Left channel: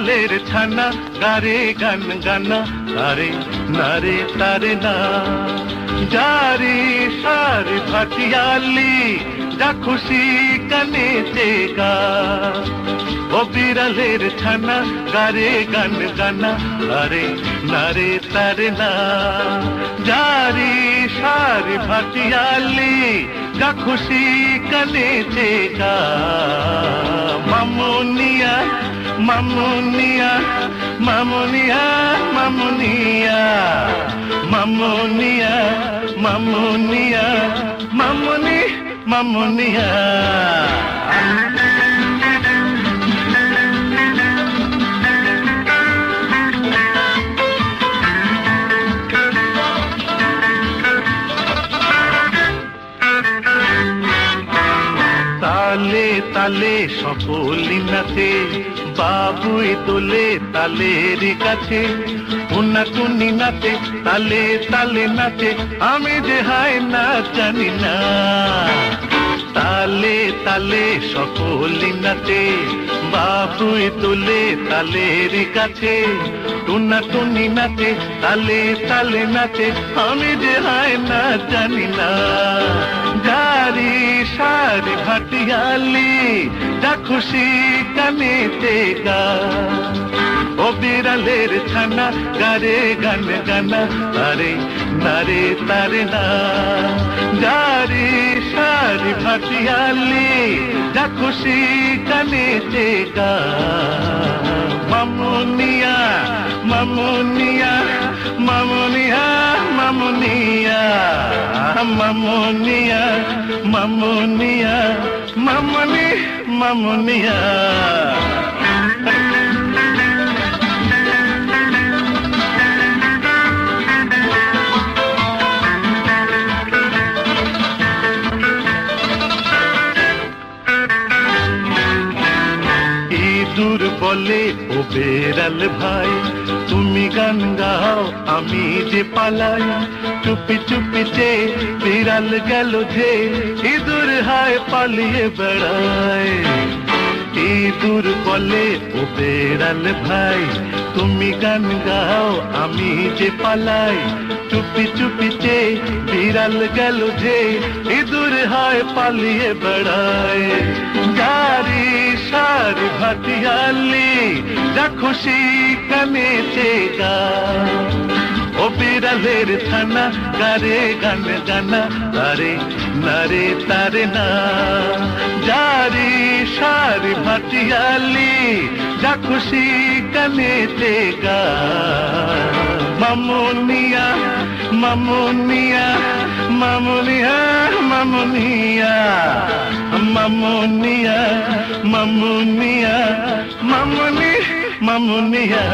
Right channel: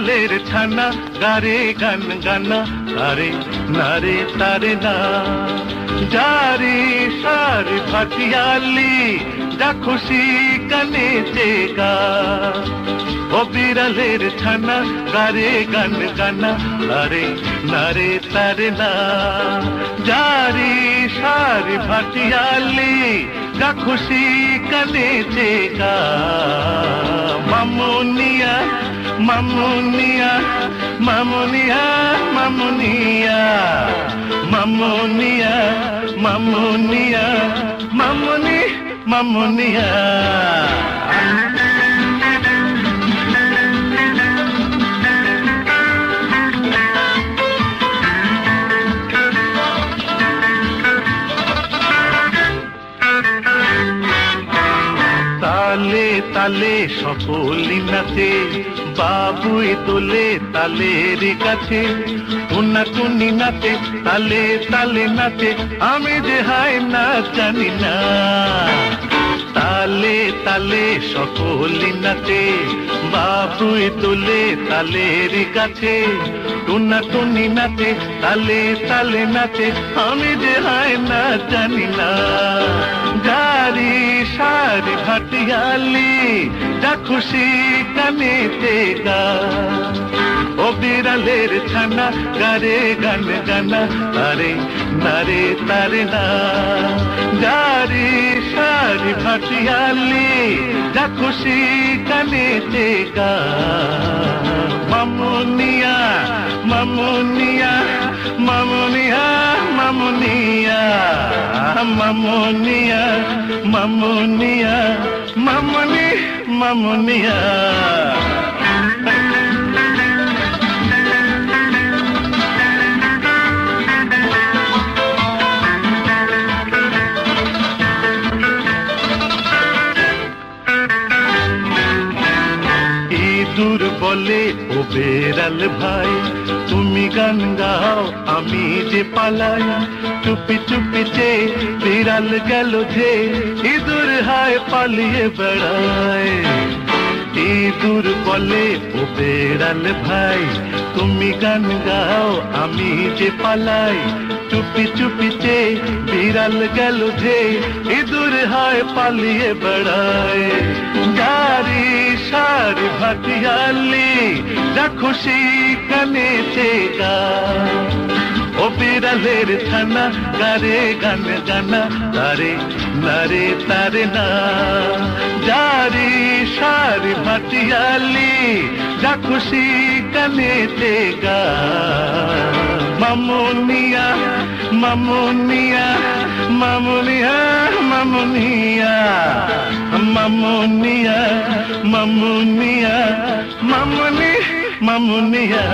বিড়ালের ছানা গারে গান গানা আরে নারে তারে না যারে সারে ভাটিয়ালি যা খুশি কানেতে গা ও বিড়ালের ছানা গারে গান গানা আরে নারে তারে না যারে সারে ভাটিয়ালি যা খুশি কানেতে গা মামুনিয়া মামুনিয়া মামুনিয়া মামুনিয়া মামুনিয়া মামুনিয়া মামুনি মামুনিয়া তালে তালে সকলি নাচে বাবুই তোলে তালের কাছে উন্না টুনি নাচে তালে তালে নাচে আমি যে হায় না জানি না তালে তালে সকলি নাচে বাবুই তোলে তালের কাছে উন্না টুনি নাচে তালে তালে নাচে আমি যে হায় না জানি না যারি সারি ভাটিয়ালি যা খুশি কানেতে গা ও বিড়ালের ছানা গারে গান গানা আরে নারে তারে না যারি সারি ভাটিয়ালি যা খুশি কানেতে গা মামুনিয়া মামুনিয়া মামুনিয়া মামুনিয়া মামুনিয়া মামুনিয়া মামুনি মামুনিয়া ইঁদুর বলে ও বেড়াল ভাই তুমি গান গাও আমি যে পালাই চুপি চুপি যে বিড়াল গেল যে ইঁদুর হায় পালিয়ে বেড়ায় ইঁদুর বলে ও বেড়াল ভাই তুমি গান গাও আমি যে পালাই চুপি চুপি যে বিড়াল গেল যে ইঁদুর হায় পালিয়ে বেড়ায় যারি সারি ভাটিয়ালি যা খুশি কানেতে গা ও বিড়ালের ছানা গারে গান গানা তারে নারে তারে না যারি সারি ভাটিয়ালি যা খুশি কানেতে গা মামুনিয়া মামুনিয়া মামুনিয়া মামুনিয়া মামুনিয়া মামুনিয়া মামুনি মামুনিয়া